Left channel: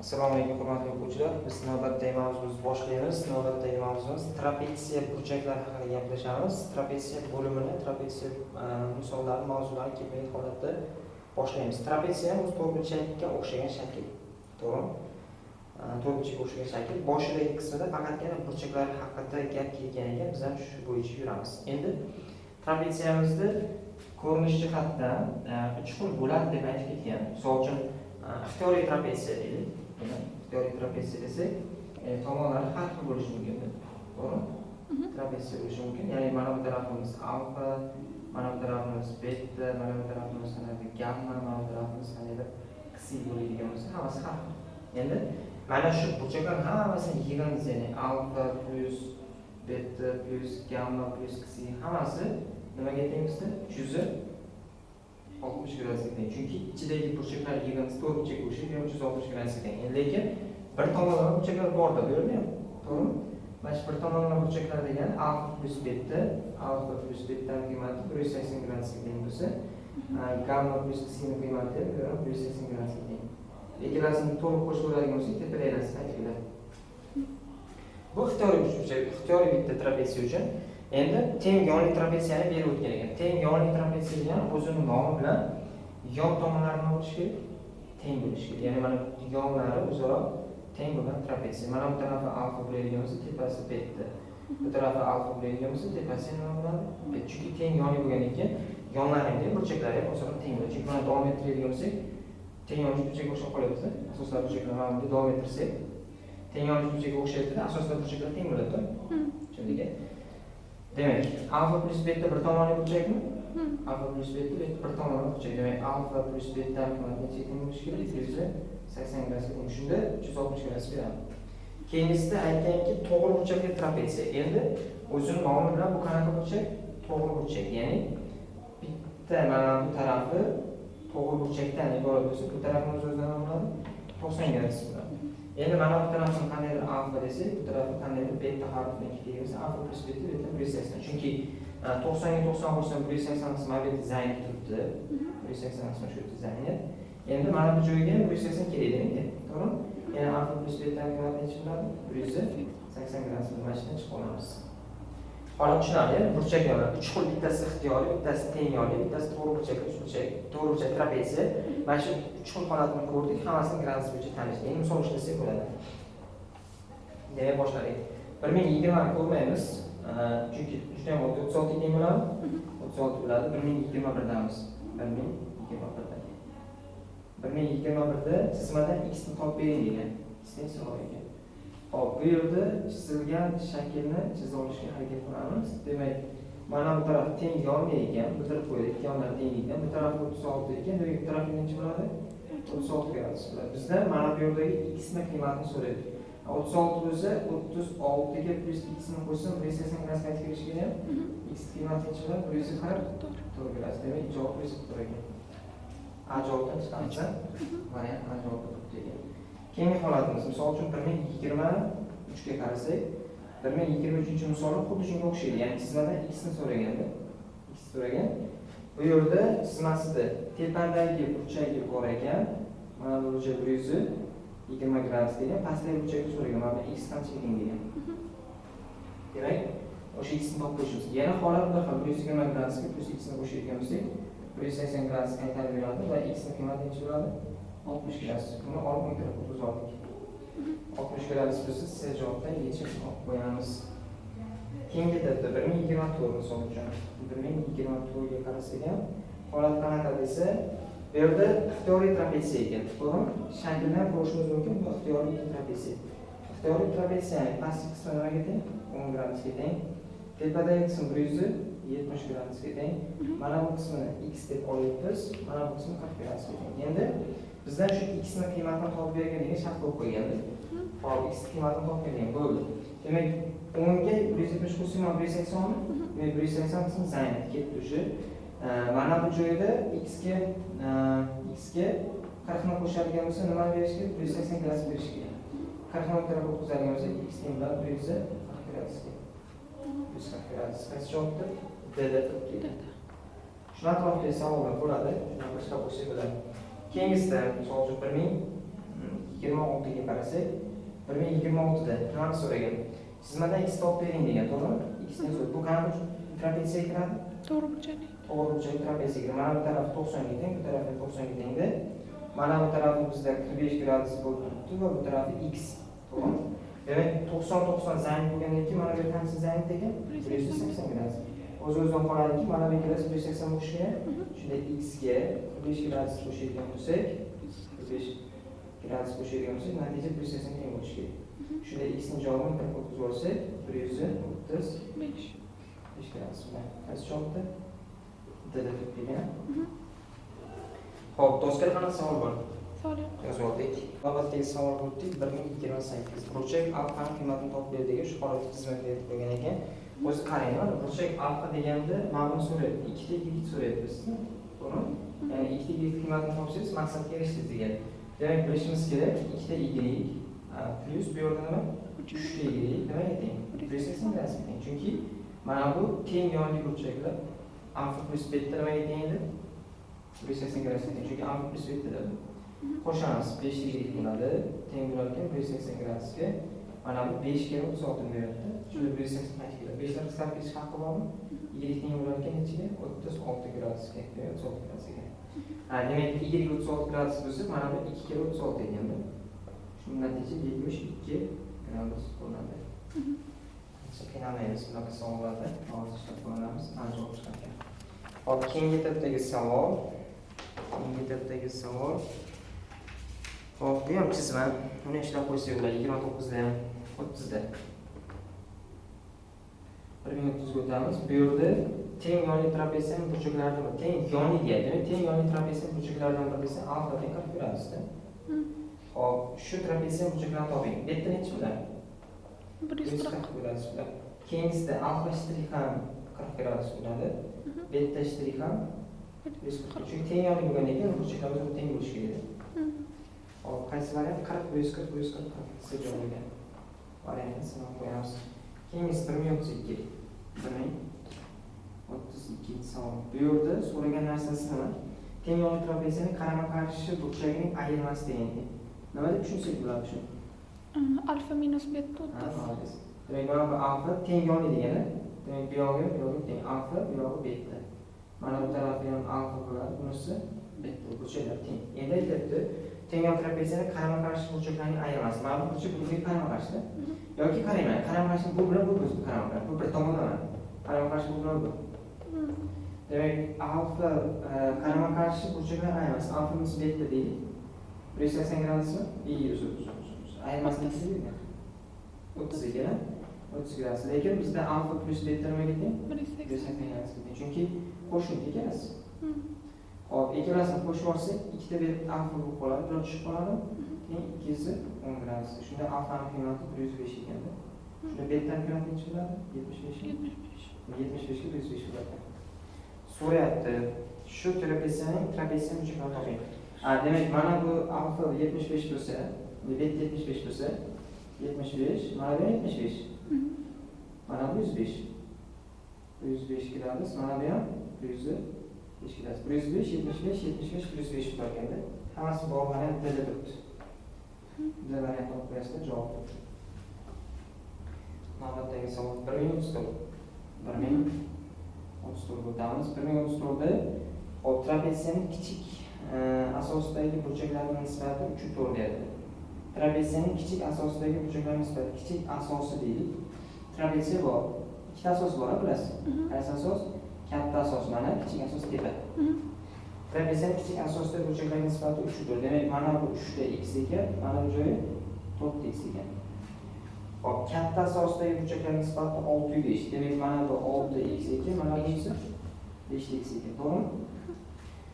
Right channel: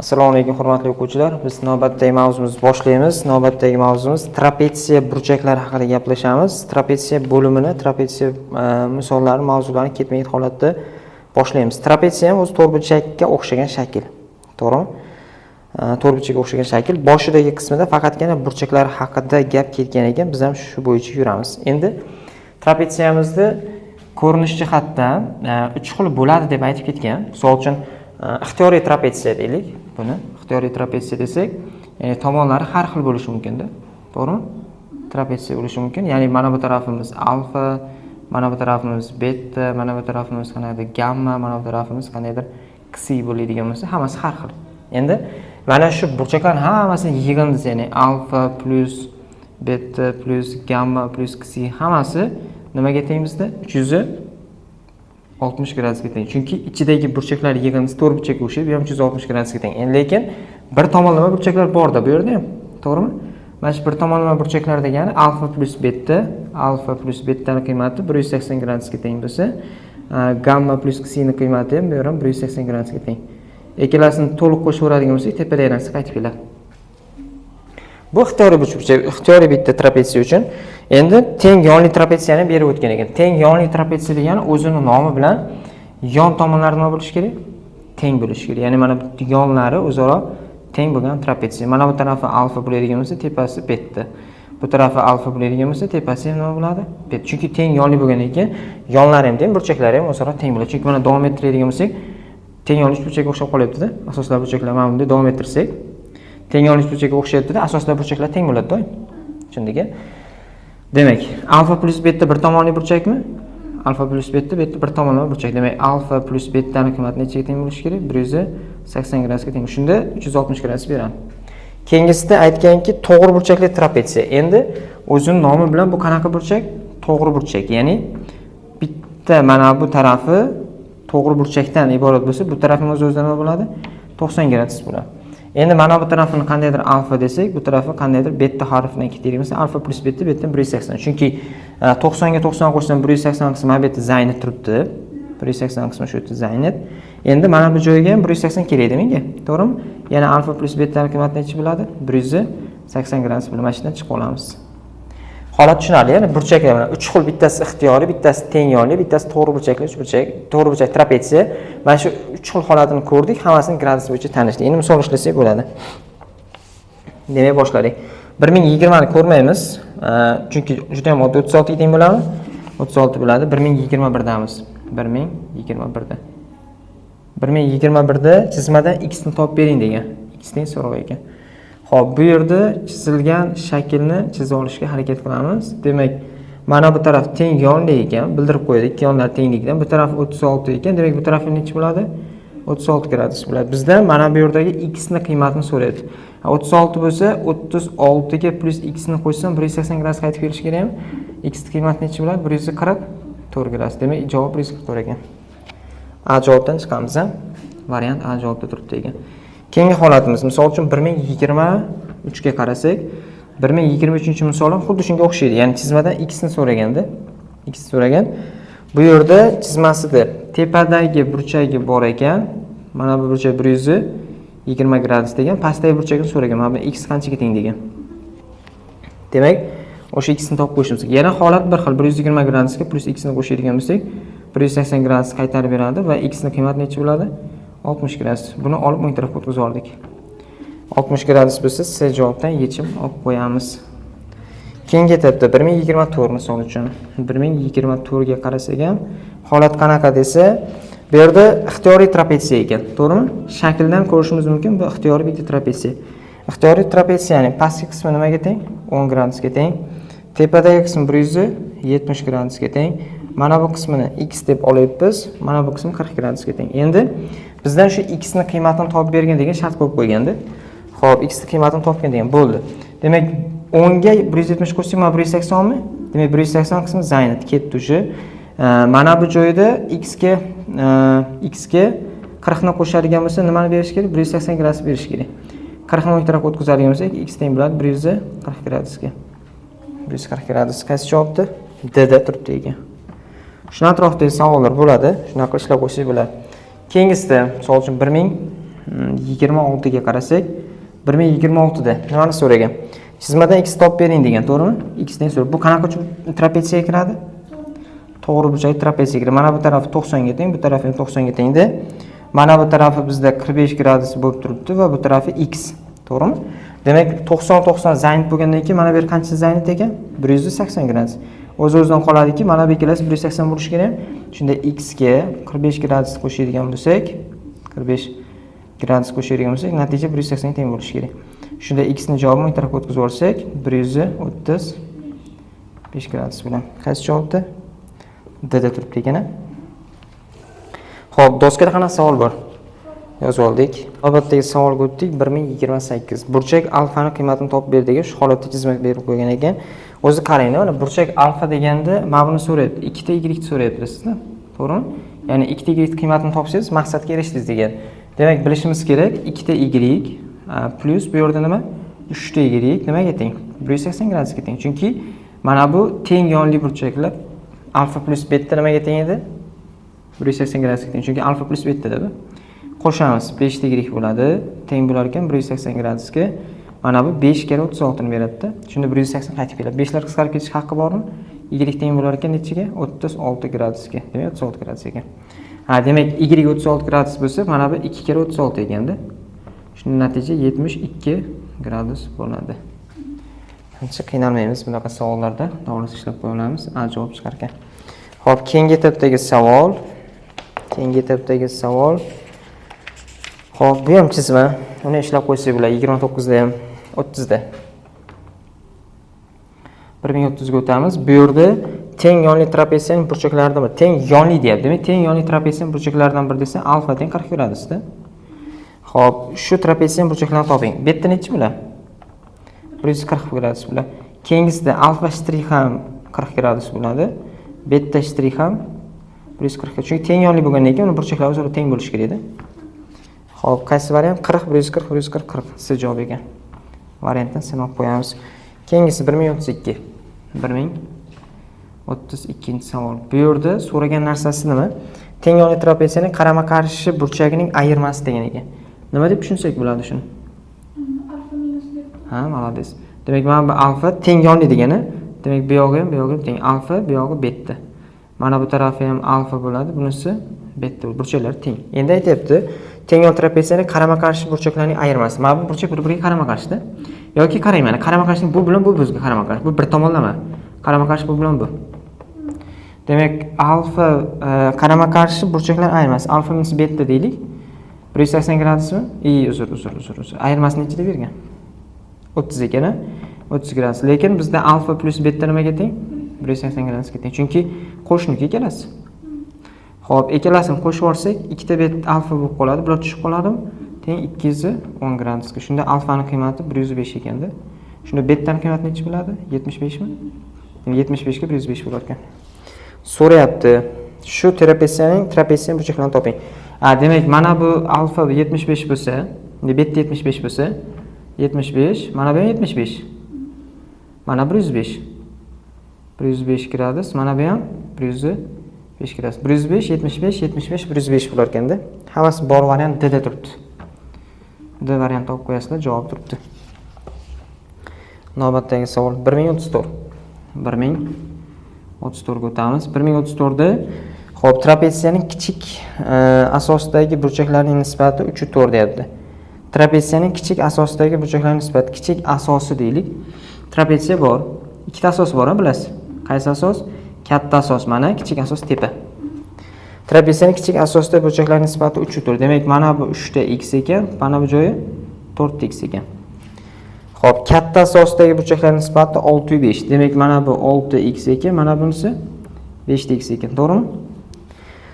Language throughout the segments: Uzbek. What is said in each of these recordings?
Assalomu alaykum hurmatli o'quvchilar. Biz navbatdagi mavzumizni boshlaymiz. Navbatdagi mavzumuz trapetsiya burchaklari haqida gaplashamiz. Trapetsiya bo'limini, trapetsiya misollari, mavzularini ketma-ket holatda boshlaymiz. Trapetsiya ham o'z to'rtburchakka o'xshagan shakl. To'g'rimi? To'rtburchakka o'xshagan shakl. Boshidagi qismida faqatgina burchaklar haqida gap ketgan ekan, biz ham shu bo'yicha yuramiz. Endi trapetsiyamizni ko'rinish jihatdan 3 xil bo'ladi deb aytib ketgan. Misol uchun ixtiyoriy trapetsiya deylik. Buni ixtiyoriy trapetsiya desak, tomonlari har xil bo'lishi mumkin-da. To'g'rimi? Trapetsiya bo'lishi mumkin. Ya'ni mana bu tarafimiz alfa, mana bu tarafimiz beta, mana bu tarafimiz qanaqadir gamma, mana bu tarafimiz qanaqadir ksi bo'ladigan bo'lsa, hammasi har xil. Endi mana shu burchaklarning hammasini yig'indingiz, ya'ni alfa plus beta plus gamma plus ksi hammasi nimaga teng bizda? 360 gradusga teng. Chunki ichidagi burchaklar yig'indisi to'rt burchakka o'xshaydi, bu ham 360 gradusga teng. Endi lekin bir tomonlama burchaklar bor-da bu yerda ham. To'g'rimi? Mana shu bir tomonlama burchaklar degani alfa plus betaning qiymati 180 gradusga teng bo'lsa, gamma plus ksining qiymati ham bu ham 180 gradusga teng. Ikkalasini to'liq qo'shaveradigan bo'lsak, tepadagi narsa qaytib keladi. Bu ixtiyoriy burchak, ixtiyoriy bitta trapetsiya uchun. Endi teng yonli trapetsiyani berib o'tgan ekan. Teng yonli trapetsiya degani o'zining nomi bilan yon tomonlari nima bo'lishi kerak? Teng bo'lishi kerak. Ya'ni mana bu yonlari o'zaro teng bo'lgan trapetsiya. Mana bu tarafi alfa bo'ladigan bo'lsa, tepasi beta. Bu tarafi alfa bo'ladigan bo'lsa, tepasi ham nima bo'ladi? Beta. Chunki teng yonli bo'lgandan keyin yonlari ham teng, burchaklari ham o'zaro teng bo'ladi. Chunki mana davom ettiradigan bo'lsak, teng yonli burchakka o'xshab qolyapti-da. Asoslar burchaklar mana bunday davom ettirsak, teng yonli burchakka o'xshayapti-da, asoslar burchaklar teng bo'ladi-da. Tushundingmi? Demak, alfa plus beta bir tomonli burchakmi? Alfa plus beta bir tomonlama burchak. Demak, alfa plus betaning qiymati nechaga teng bo'lishi kerak? 180 gradusga teng. Shunda 360 gradus beradi. Keyingisida aytganki, to'g'ri burchakli trapetsiya. Endi o'zining nomi bilan bu qanaqa burchak? To'g'ri burchak. Ya'ni bitta mana bu tarafi to'g'ri burchakdan iborat bo'lsa, bu tarafimiz o'zidan nima bo'ladi? 90 gradus bo'ladi. Endi mana bu tarafini qandaydir alfa desak, bu tarafi qandaydir beta harfidan ketadigan bo'lsa, alfa plus beta 180. Chunki 90 ga 90 qo'shsam 180 qismi beta zaynat turibdi. 180 qismi shu yerda zaynat. Endi mana bu joyga ham 180 kerak menga. To'g'rimi? Yana alfa plus betaning qiymati necha bo'ladi? 180 gradus bo'lmashidan chiqib olamiz. Holat tushunarli. Ya'ni burchaklar bilan 3 xil, bittasi ixtiyoriy, bittasi teng yonli, bittasi to'g'ri burchakli, to'g'ri burchak trapetsiya. Mana shu 3 xil holatini ko'rdik, hammasini gradus bo'yicha tanishdik. Endi misol ishlasak bo'ladi. Demak, boshladik. 1020 ni ko'rmaymiz, chunki juda ham oddiy 36 ga teng bo'ladimi? 36 bo'ladi. 1021 damiz. 1021 da. 1021 da chizmada x ni topib bering degan. X teng so'roq ekan. Xo'p, bu yerda chizilgan shaklni chizib olishga harakat qilamiz. Demak, mana bu taraf teng yonli ekan, bildirib qo'ydik, ikki yonlar tenglikdan. Bu taraf 36 ekan, demak bu taraf necha bo'ladi? 36 gradus bo'ladi. Bizdan mana bu yerdagi x ni qiymatini so'raydi. 36 bo'lsa, 36 ga plus x ni qo'shsam 180 gradus qaytib kelishi kerakmi? X ni qiymati necha bo'ladi? 144 gradus. Demak, javob 144 ekan. A javobdan chiqamiz, ha? Variant A javobda turibdi ekan. Keyingi holatimiz, misol uchun 1023 ga qarasak, 1023-misol ham xuddi shunga o'xshaydi. Ya'ni chizmadan x ni so'raganda, x so'ragan. Bu yerda chizmasida tepadagi burchagi bor ekan. Mana bu burchak 120 gradus degan, pastdagi burchakni so'ragan. Mana bu x qanchaga teng degan. Demak, o'sha x ni topib qo'yishimiz kerak. Yana holat bir xil, 120 gradusga plus x ni qo'shadigan bo'lsak, 180 gradus qaytarib beradi va x ni qiymati necha bo'ladi? 60 gradus. Buni olib o'ng tarafga o'tkazib oldik. 60 gradus bo'lsa, C javobdan yechim olib qo'yamiz. Keyingi etapda 1024 misol uchun 1024 ga qarasak ham holat qanaqa desa, bu yerda ixtiyoriy trapetsiya ekan, to'g'rimi? Shakldan ko'rishimiz mumkin, bu ixtiyoriy bitta trapetsiya. Ixtiyoriy trapetsiyaning pastki qismi nimaga teng? 10 gradusga teng. Tepadagi qismi 170 gradusga teng. Mana bu qismini x deb olyapmiz, mana bu qismi 40 gradusga teng. Endi bizdan shu x ni qiymatini topib bergan degan shart qo'yib qo'yganda. Xo'p, x ni qiymatini topgan degan bo'ldi. Demak, 10 ga 170 qo'shsak, mana 180 mi? Demak, 180 qismi zaynat ketdi o'sha. Mana bu joyda x ga 40 ni qo'shadigan bo'lsa, nimani berish kerak? 180 gradus berish kerak. 40 ni o'ng tarafga o'tkazadigan bo'lsak, x teng bo'ladi 140 gradusga. 140 gradus qaysi javobda? D da turibdi ekan. Shuna atrofdagi savollar bo'ladi, shunaqa ishlab qo'ysak bo'ladi. Keyingisida, misol uchun 26 ga qarasak, 1026 da nimani so'ragan? Chizmadan x topib bering degan, to'g'rimi? X dan so'ra. Bu qanaqa trapetsiyaga kiradi? To'g'ri burchak trapetsiyaga kiradi. Mana bu tarafi 90 ga teng, bu tarafi ham 90 ga tengda. Mana bu tarafi bizda 45 gradus bo'lib turibdi va bu tarafi x, to'g'rimi? Demak, 90 zaynit bo'lgandan keyin mana bu yer qancha zaynit ekan? 180 gradus. O'z-o'zidan qoladiki, mana bu ikkalasi 180 bo'lishi kerak. Shunda x ga 45 gradus qo'shadigan bo'lsak, 45 gradus qo'shadigan bo'lsak, natija 180 ga teng bo'lishi kerak. Shunda x ni javobini o'ng tarafga o'tkazib yuborsak, 135 gradus bilan. Qaysi javobda? D da turibdi ekan. Xo'p, doskada qanaqa savol bor? Yozib oldik. Navbatdagi savolga o'tdik. 1028. Burchak alfani qiymatini topib ber degan shu holatda chizmak berib qo'ygan ekan. O'zi qarang, mana burchak alfa deganda mana buni so'rayapti. 2 ta y so'rayapti sizdan. To'g'rimi? Ya'ni 2 ta y qiymatini topsangiz maqsadga erishdingiz degan. Demak, bilishimiz kerak, 2 ta y plus bu yerda nima? 3 ta y nimaga teng? 180 gradusga teng. Chunki mana bu teng yonli burchaklar alfa plus beta nimaga teng edi? 180 gradusga teng. Chunki alfa plus beta da bu. Qo'shamiz, 5 ta y bo'ladi. Teng bo'lar ekan 180 gradusga. Mana bu 5 kere 36 ni beradi-da. Shunda 180 qaytib keladi. 5 lar qisqarib ketish haqqi bormi? Y teng bo'lar ekan nechaga? 36 gradusga. Demak, 36 gradus ekan. Ha, demak, y 36 gradus bo'lsa, mana bu 2 kere 36 ekanda. Shunda natija 72 gradus bo'ladi. Ancha qiynalmaymiz bunaqa savollarda. To'g'ri ishlab qo'ya olamiz. Javob chiqar ekan. Xo'p, keyingi etapdagi savol. Xo'p, bu ham chizma. Uni ishlab qo'ysak bo'ladi. 29 da ham 30 da. 1030 ga o'tamiz. Bu yerda teng yonli trapetsiyaning burchaklaridan biri. Teng yonli deyapti. Demak, teng yonli trapetsiyaning burchaklaridan biri desa, alfa teng 40 gradusda. Xo'p, shu trapetsiyaning burchaklarini toping. Bu yerda necha bo'ladi? 140 gradus bo'ladi. Keyingisida alfa shtrix ham 40 gradus bo'ladi. Beta shtrix ham 140. Chunki teng yonli bo'lgandan keyin uni burchaklari o'zaro teng bo'lishi kerak edi. Xo'p, qaysi variant? 40, 140, 40. Siz javob ekan. Variantdan sen olib qo'yamiz. Keyingisi 1032. 1032-savol. Bu yerda so'ragan narsasi nima? Teng yonli trapetsiyaning qarama-qarshi burchagining ayirmasi degan ekan. Nima deb tushunsak bo'ladi shuni? Alfa minus beta. Ha, malades. Demak, mana bu alfa teng yonli degani. Demak, bu yog'i ham, bu yog'i ham teng. Alfa, bu yog'i beta. Mana bu tarafi ham alfa bo'ladi, bunisi beta. Burchaklar teng. Endi aytayapti, teng yon trapetsiyaning qarama-qarshi burchaklarining ayirmasi. Mana bu burchak bir-biriga qarama-qarshida. Yoki qarang, mana qarama-qarshilik bu bilan bu bizga qarama-qarshi. Bu bir tomonlama. Qarama-qarshi bu bilan bu. Demak, alfa qarama-qarshi burchaklar ayirmasi. Alfa minus beta deylik. 180 gradusmi? Uzr. Ayirmasi nechida bergan? 30 ekan, 30 gradus. Lekin bizda alfa plus beta nimaga teng? 180 gradusga teng. Chunki qo'shniki ikkalasi. Xo'p, ikkalasini qo'shib olsak, ikkita bet alfa bo'lib qoladi. Bular tushib qoladimi? Teng 210 gradusga. Shunda alfaning qiymati 105 ekanda. Shunda betaning qiymati necha bo'ladi? 75 mi? 75 ga 105 bo'lar ekan. So'rayapti. Shu trapetsiyaning burchaklarini toping. Demak, mana bu alfa 75 bo'lsa, beta 75 bo'lsa, 75, mana bu ham 75. Mana 105. 105 gradus, mana bu ham 105 gradus. 105, 75, 75, 105 bo'lar ekanda. Hammasi bor variant D da turibdi. D variant olib qo'yasizlar, javob turibdi. Navbatdagi savol 1034. 1034 ga o'tamiz. 1034 da xo'p, trapetsiyaning kichik asosidagi burchaklarning nisbati 3/4 deyapti. Trapetsiyaning kichik asosidagi burchaklarning nisbati, kichik asosi deylik. Trapetsiya bor. Ikkita asos bor, bilasiz. Qaysi asos? Katta asos mana, kichik asos tepa. Trapetsiyaning kichik asosidagi burchaklarning nisbati 3/4. Demak, mana bu 3 ta x ekan, mana bu joyi 4 ta x ekan. Xo'p, katta asosidagi burchaklarning nisbati 6/5. Demak, mana bu 6x ekan, mana bunisi 5x ekan, to'g'rimi?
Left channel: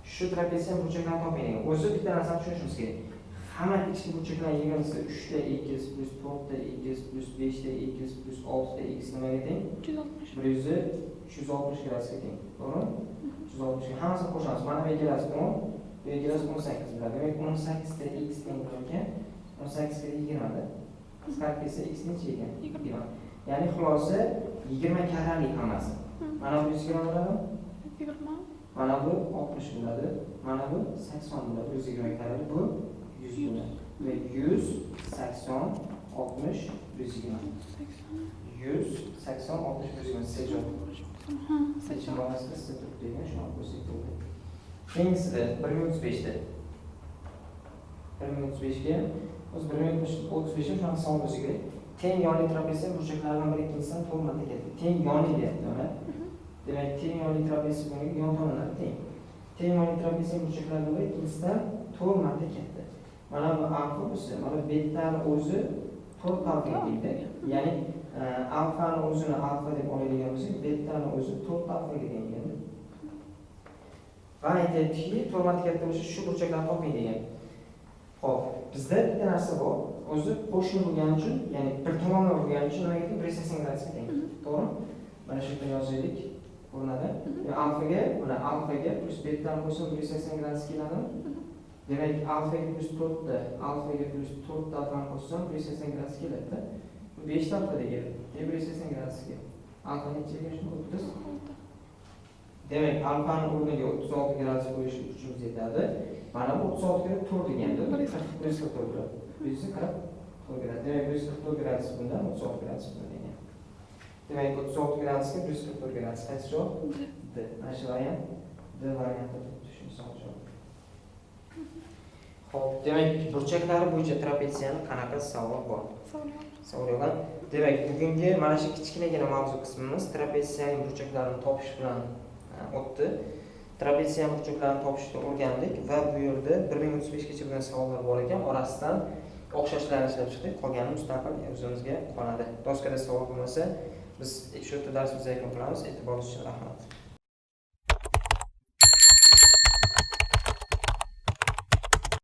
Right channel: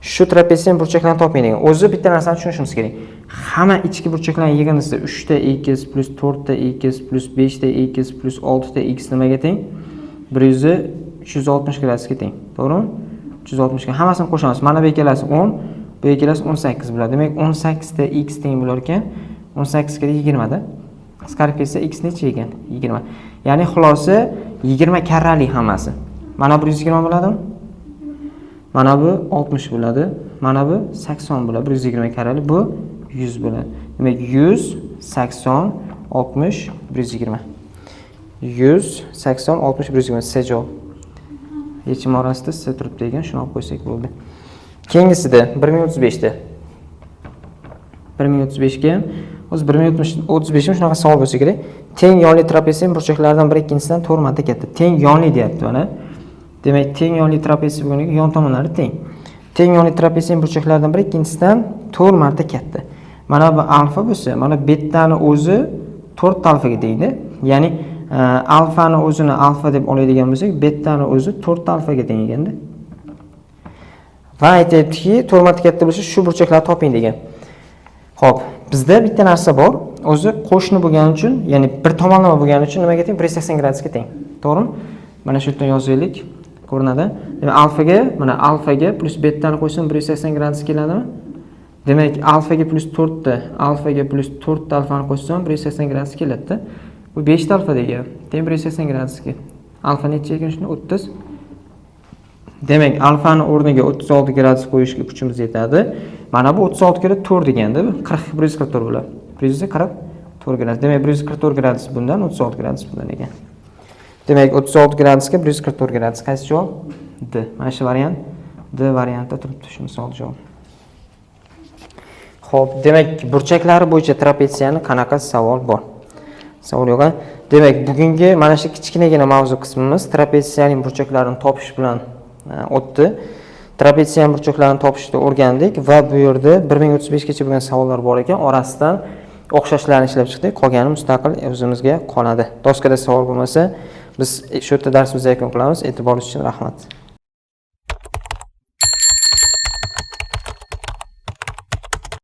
Shu trapetsiyaning burchaklarini toping degan. O'zi bitta narsani tushunishimiz kerak. Hamma ichki burchaklarning yig'indisi 3 ta x plus 4 ta x plus 5 ta x plus 6 ta x nimaga teng? 360 gradusga teng. To'g'rimi? 360 ga hammasini qo'shamiz. Mana bu ikkalasi 10, bu ikkalasi 18 bo'ladi. Demak, 18 ta x teng bo'lar ekan. 18 ga 20 da. Qisqarib ketsa x necha ekan? 20. Ya'ni xulosa 20 karrali hammasi. Mana bu 120 bo'ladimi? Mana bu 60 bo'ladi. Mana bu 80 bo'ladi. 120 karrali. Bu 100 bo'ladi. Demak 100, 80, 60, 120. 100, 80, 60, 120 C javob. Yechim orasida C turibdi ekan, shuni olib qo'ysak bo'ldi. Keyingisida 1035 da. 1035 ga o'zi 1035 shunaqa savol bo'lsa kerak. Teng yonli trapetsiyam burchaklaridan biri ikkinchisidan 4 marta katta. Teng yonli deyapti mana. Demak, teng yonli trapetsiya bo'lganiga yon tomonlari teng. Teng yonli trapetsiyam burchaklaridan biri ikkinchisidan 4 marta katta. Mana bu alfa bo'lsa, mana betani o'zi 4 alfaga tengda. Ya'ni alfani o'zini alfa deb oladigan bo'lsak, betani o'zi 4 alfaga teng ekanda. Va aytayaptiki, 4 marta katta bo'lsa, shu burchaklarni toping degan. Xo'p, bizda bitta narsa bor. O'zi qo'shni bo'lgani uchun, ya'ni bir tomonlama bo'lgani uchun nimaga teng? 180 gradusga teng. To'g'rimi? Mana shu yerdan yozaylik. Ko'rinadi. Demak, alfaga, mana alfaga plus betani qo'ysam 180 gradus keladimi? Demak, alfaga plus 4 ta, alfaga plus 4 ta alfani qo'ysam 180 gradus keladi-da. Bu 5 ta alfa degan. Teng 180 gradusga. Alfa necha ekan shuni? 30. Demak, alfani o'rniga 36 gradus qo'yishga kuchimiz yetadi. Mana bu 36 kira 4 deganda, 144 bo'ladi. 144 gradus. Demak, 144 gradus bundan, 36 gradus bundan ekan. Demak, 36 gradusga 144 gradus. Qaysi javob? D. Mana shu variant D variantida turibdi, shu misol javob. Xo'p, demak, burchaklari bo'yicha trapetsiyani qanaqa savol bor? Savol yo'q. Demak, bugungi mana shu kichkinagina mavzu qismimiz trapetsiyaning burchaklarini topish bilan o'tdi. Trapetsiyaning burchaklarini topishni o'rgandik va bu yerda 1035 gacha bo'lgan savollar bor ekan, orasidan o'xshashlarni ishlab chiqdik. Qolgani mustaqil o'zimizga qoladi. Doskada savol bo'lmasa, biz shu yerda darsimizni yakun qilamiz. E'tiboringiz uchun rahmat.